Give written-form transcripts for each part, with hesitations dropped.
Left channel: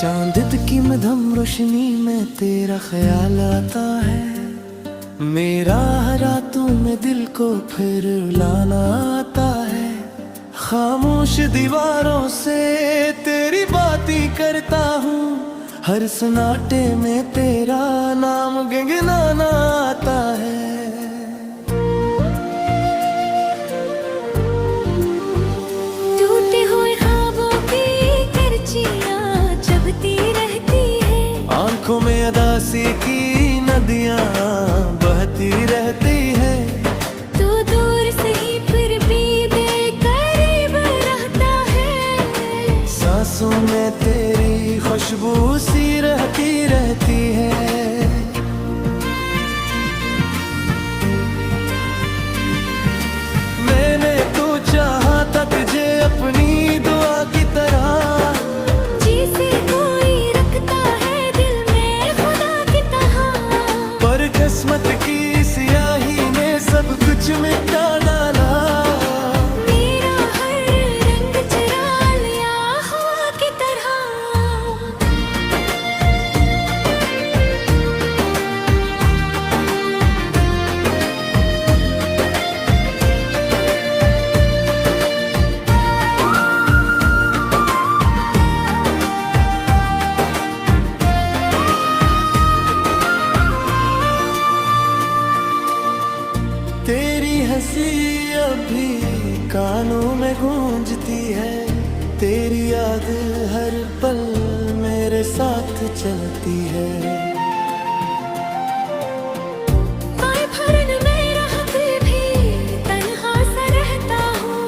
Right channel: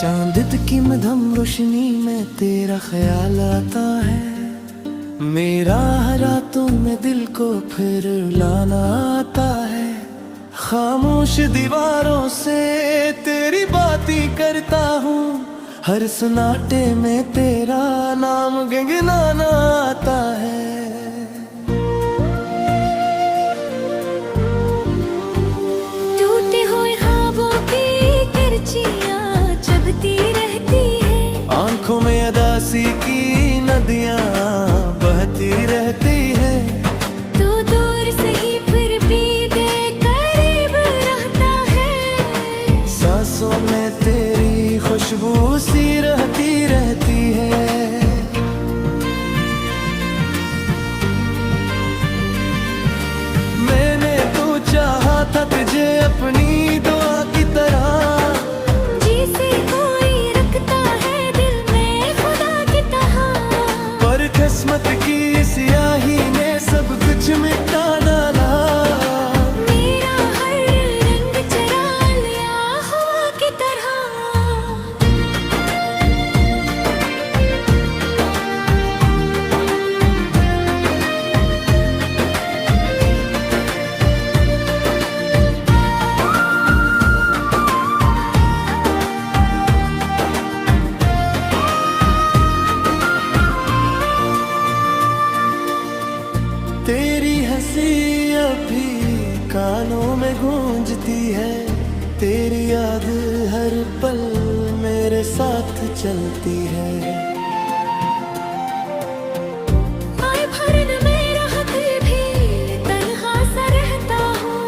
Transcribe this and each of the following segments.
चांद की मधम रोशनी में तेरा ख्याल आता है, मेरा रातों में दिल को फिर लाना आता है। खामोश दीवारों से तेरी बातें करता हूँ, हर सन्नाटे में तेरा नाम गुनगुनाना आता है। टूटे हुए ख्वाबों की करचियां चबती रहती है, आंखों में अदासी की नदियां बहती रहती है। तू दूर से ही फिर भी दे करीब रहता है, सांसों में तेरी खुशबू सी रहती है। मैंने तो चाहा था तुझे अपनी दुआ की तरह, जिसे कोई रखता है दिल में खुदा की तरह। पर किस्मत की स्याही ने सब कुछ मिटा डाला, मेरा हर रंग चुरा लिया हवा की तरह। तेरी हंसी अभी कानों में गूंजती है, तेरी याद हर पल मेरे साथ चलती है। आए भरन में राहत भी तन्हा सा रहता हूँ,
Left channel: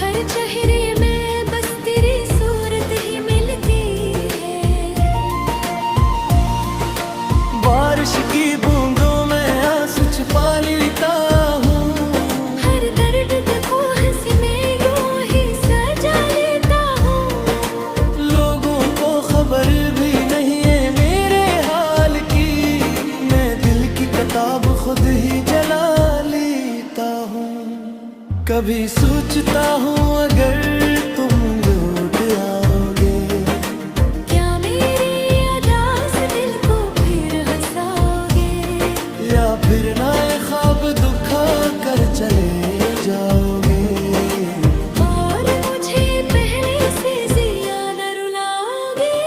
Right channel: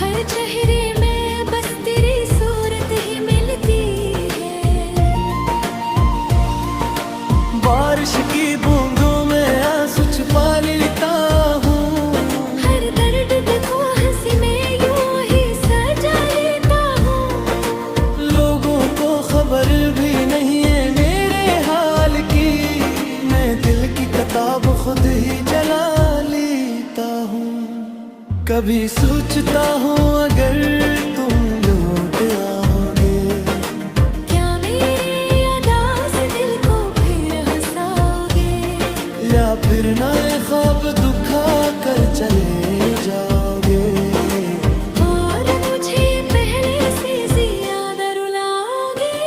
हर चेहरे में बस तेरी सूरत ही मिलती है। बारिश की बूंदों में आंसू छुपा लेता हूँ, हर दर्द को हंसी में यूं ही सजा लेता हूँ। लोगों को खबर भी नहीं है मेरे हाल की, मैं दिल की किताब खुद ही जला लेता हूँ। कभी सोचता हूँ अगर तुम लौट आओगे, क्या मेरे अदास दिल को फिर हंसाओगे, या फिर नए ख्वाब दुखा कर चले जाओगे। और मुझे पहले से ज्यादा रुलाओगे।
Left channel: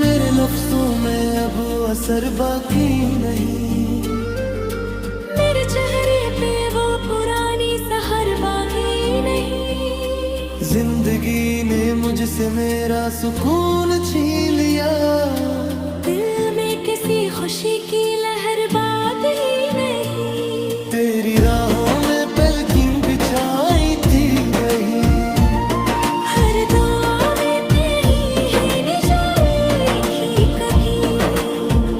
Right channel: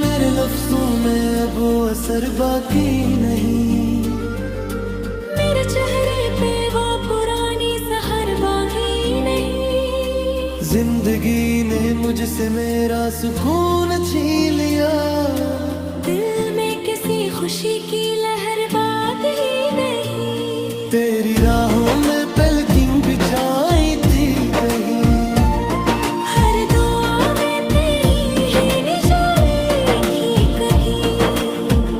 मेरे लफ्जों में अब वो असर बाकी नहीं, मेरे चेहरे पे वो पुरानी सहर बाकी नहीं। जिंदगी ने मुझसे मेरा सुकून छीन लिया, दिल में किसी खुशी की लहर बात ही नहीं। तेरी राहों में पलकिंग बिछाई थी वही, हर दुआ में तेरी ही निशानी थी कहीं।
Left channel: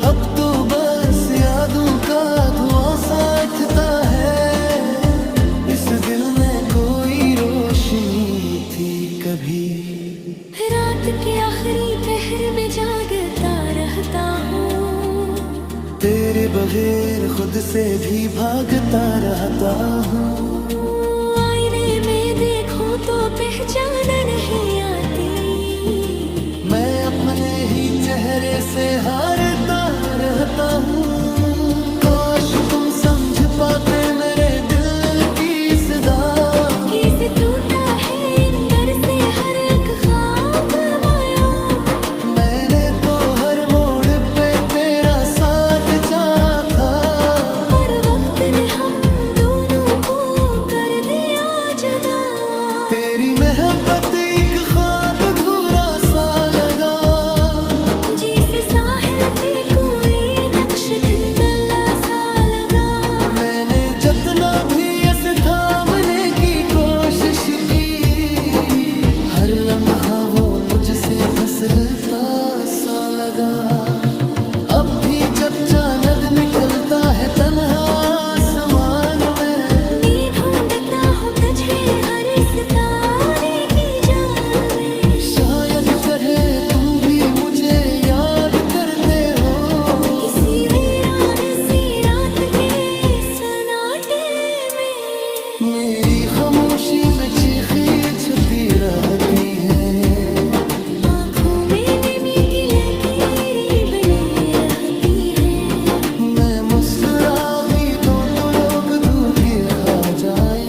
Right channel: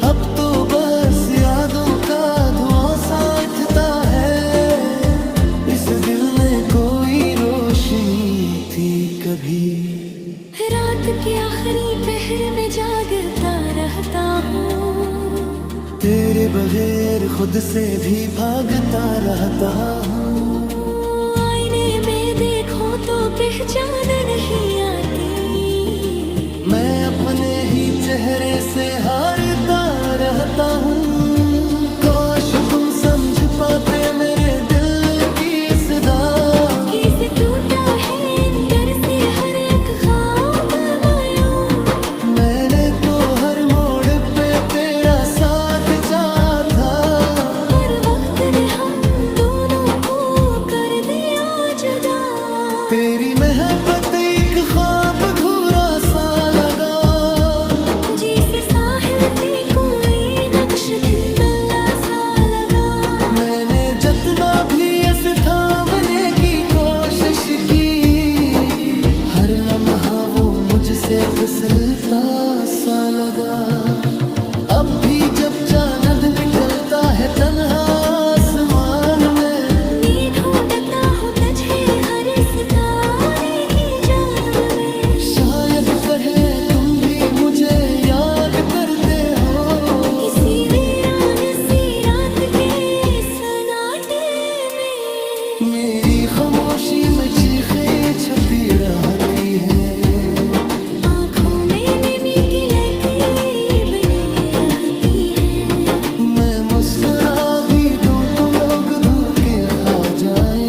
अब तो बस यादों का धुआं साथता है, इस दिल में कोई रोशनी थी कभी। रात के आखिरी पहर में जागता रहता हूँ, तेरे बगैर खुद से भी भागता रहता हूँ। आईने में देखो तो पहचान नहीं आती, मैं अपने ही चेहरे से हारता रहता हूँ। काश तुम समझ पाते मेरे दिल की सदा, किसे टूटा है अंदर से हर एक ख्वाब माया। मैंने तो हर मोड़ पे तेरा साथ चाहा था, पर वक्त ने हम दोनों को कर दिया जुदा। तेरी मोहब्बत एक ख्वाब अधूरा सा लगा, जिसे साहिल पे कोई नक्श धुंधला सा लगा। मैंने जितना भी ऐसे थामने की कोशिश की, हर लम्हा वो मुझसे फिसलता सा लगा। अब भी जब चांद निकलता है तन्हा आसमान में, मैं ढूंढता तरह तुम भी मुझे याद करते हो। किसी वीरान सी रात के सन्नाटे में मेरी खामोशी में चीखें छुपी रहती है। आँखों में नमी की लकीरें बनी रहती है। मैं मुस्कुरा भी दूं तो लोग धोखे खा जाए।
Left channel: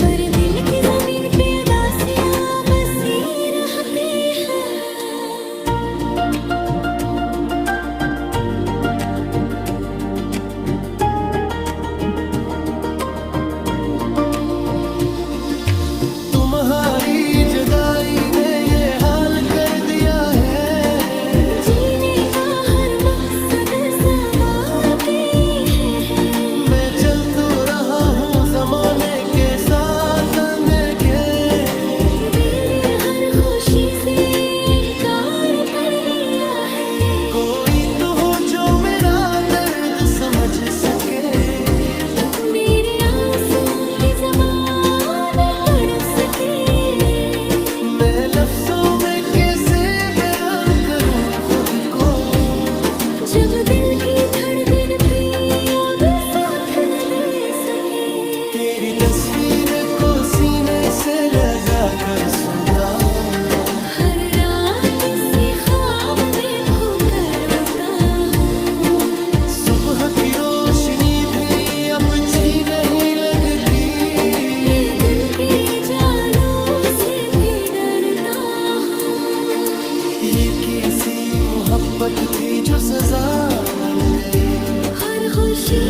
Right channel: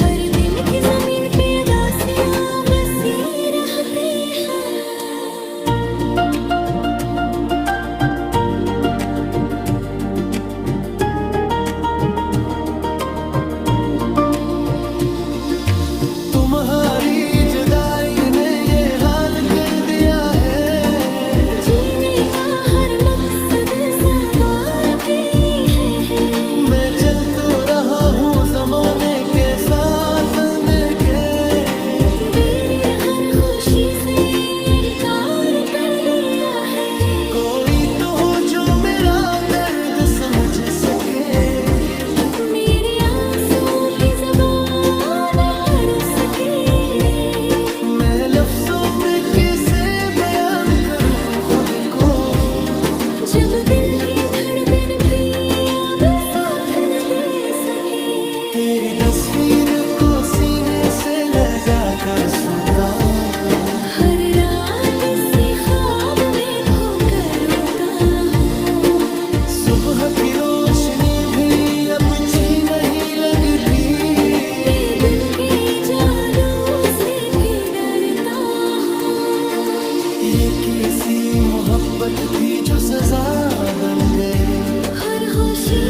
पर दिल की जमीन पे उदासियां बसी रहती हैं। तुम्हारी जुदाई ने ये हाल कर दिया है। जीने का हर मकसद सवाती है। मैं चल तो रहा हूँ जमाने के साथ अंधके। मेरी हर खुशी से इनकार कर दिया है। कोई तो हो जो मेरा दर्द समझ सके। मेरे आंसू की ज़बान पढ़ सके। मैं लफ्जों में कैसे बयान करूँ खुद को। जब दिल की धड़कन भी अब साथ न दे सके। तेरी तस्वीर को सीने से लगा कर सोता हूँ। हर रात इसी ख्वाब में खोकर रोता हूँ। सुबह की रोशनी भी अब अच्छी नहीं लगती। मैं दिन के जालों से भी डरता हूँ। ये किसी मोहब्बत थी जो सजा बन गई। हर खुशी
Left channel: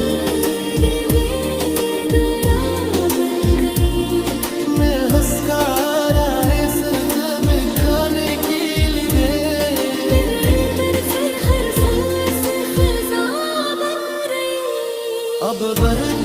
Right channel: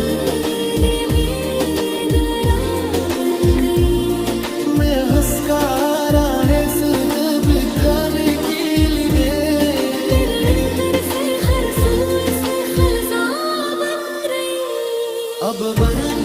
बेदरा बन गई। मैं हंसकारा है सिर्फ खाने के लिए। मेरे अंदर से हर सू से खरसा बन रही। अब बर्द